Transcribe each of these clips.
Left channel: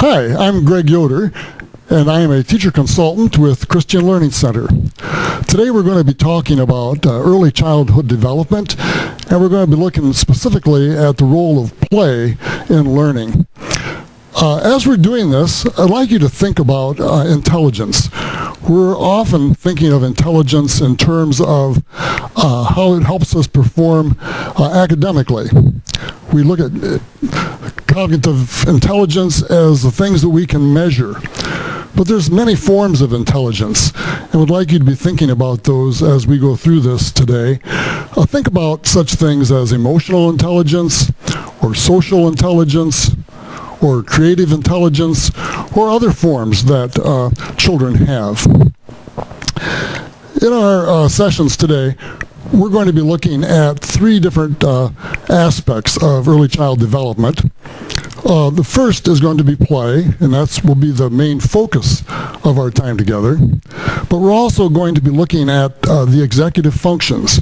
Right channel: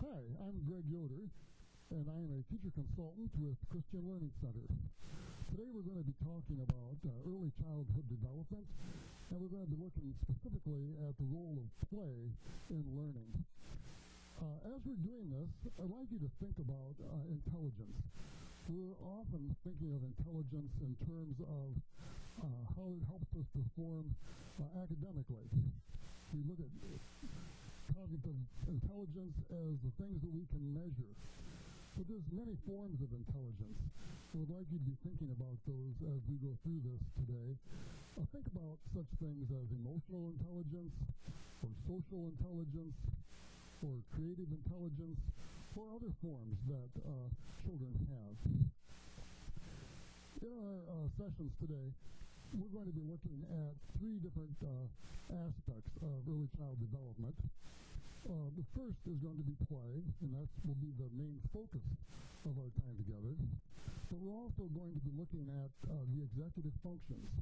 Hi, I'm Greg Yoder, and I am a teacher consultant with Christian Learning Center. Today we're going to be talking about early childhood development, and we're going to be looking specifically at the role of play in learning. As we're doing this, I'd like you to think about intelligence. We're often thinking of intelligence in terms of how it helps us perform academically. We look at cognitive intelligence as the things that we can measure. But there's many forms of intelligence, and would like you to be thinking about those as we go through this today. Think about such things as emotional intelligence, or social intelligence, or creative intelligence, or other forms that children have. In our sessions today, we're going to be looking at three different aspects of early child development. The first is going to be play, and that will be the main focus of our time together. But we're also going to be looking at the executive functions.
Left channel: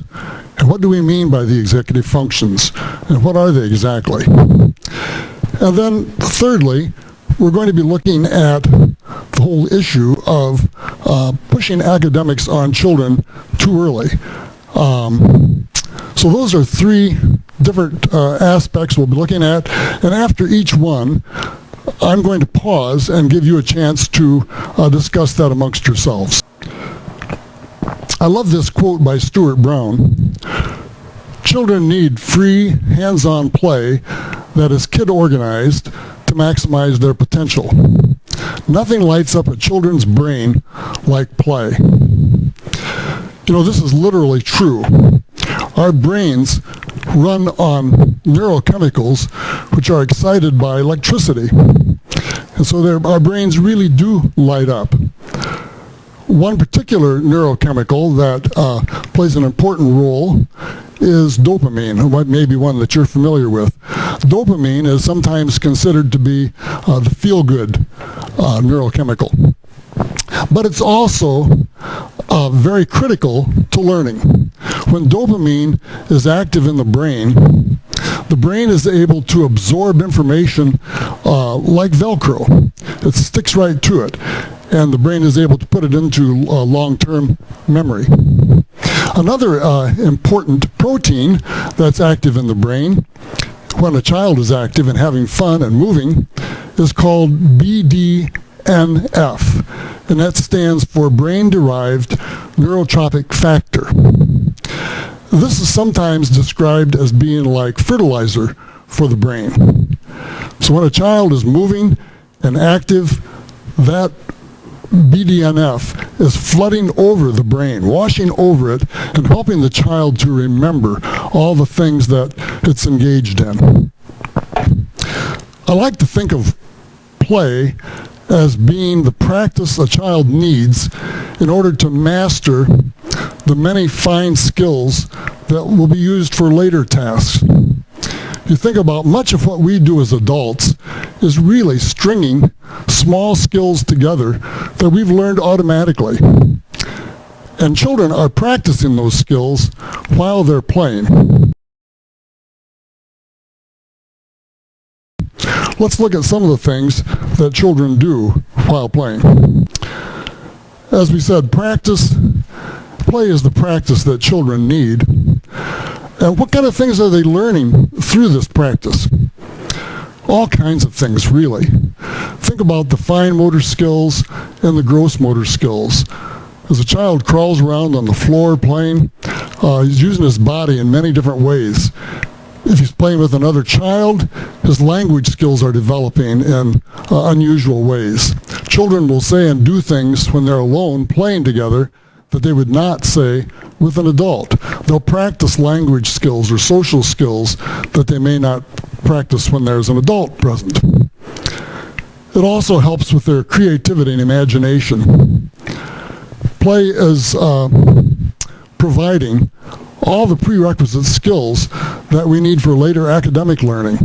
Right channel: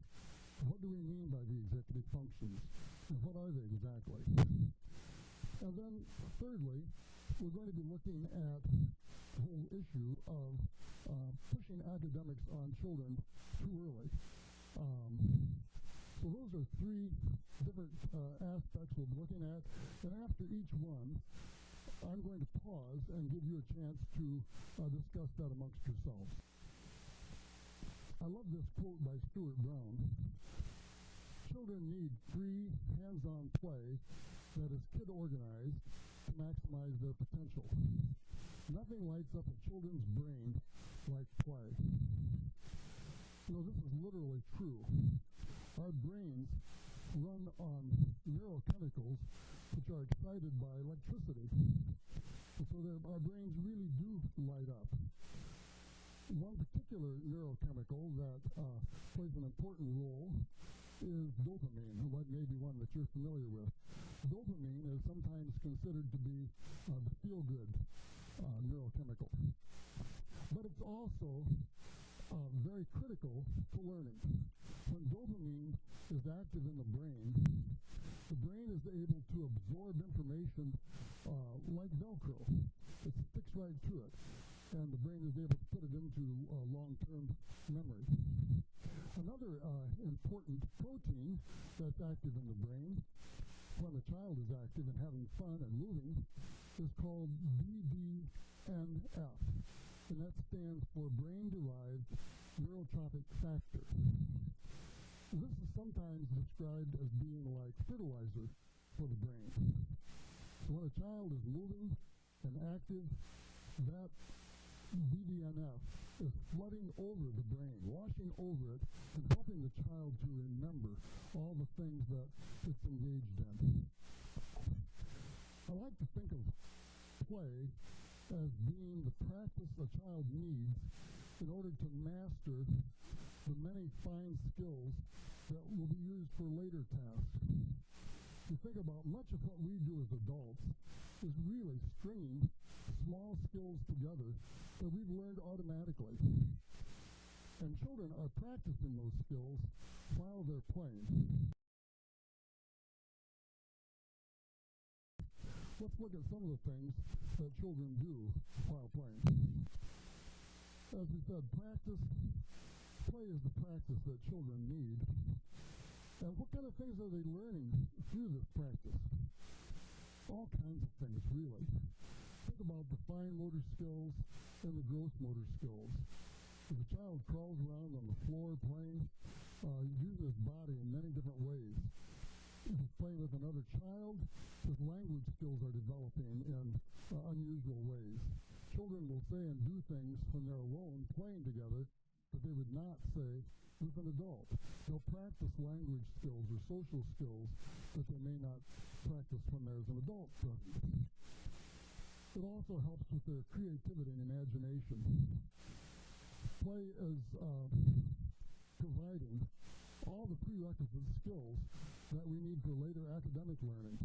And what do we mean by the executive functions? And what are they exactly? And then thirdly, we're going to be looking at the whole issue of pushing academics on children too early. So those are three different aspects we'll be looking at, and after each one, I'm going to pause and give you a chance to discuss that amongst yourselves. I love this quote by Stuart Brown. Children need free, hands-on play that is kid-organized to maximize their potential. Nothing lights up a children's brain like play. You know, this is literally true. Our brains run on neurochemicals which are excited by electricity. And so our brains really do light up. One particular neurochemical that plays an important role is dopamine, maybe one that you're familiar with. Dopamine is sometimes considered to be the feel-good neurochemical. But it's also very critical to learning. When dopamine is active in the brain is able to absorb information like Velcro. It sticks right to it, and the brain is able to put it into long-term memory. Another important protein that's active in the brain when a child is active and having fun and moving is called BDNF, and that stands for brain-derived neurotrophic factor. This is sometimes described as being like fertilizer for the brain. So when a child is moving and active, that BDNF is flooding over the brain, washing over it, and helping the child to remember all the things that it's engaged in. I like to think of play as being the practice a child needs in order to master the many fine skills that will be used for later tasks. You think about much of what we do as adults is really stringing small skills together that we've learned automatically. And children are practicing those skills while they're playing. Let's look at some of the things that children do while playing. As we said, play is the practice that children need. And what kind of things are they learning through this practice? All kinds of things, really. Think about the fine motor skills and the gross motor skills. As a child crawls around on the floor playing, he's using his body in many different ways. If he's playing with another child, his language skills are developing in unusual ways. Children will say and do things when they're alone playing together that they would not say with an adult. They'll practice language skills or social skills that they may not practice when there's an adult present. It also helps with their creativity and imagination. Play is providing all the prerequisite skills that we need for later academic learning.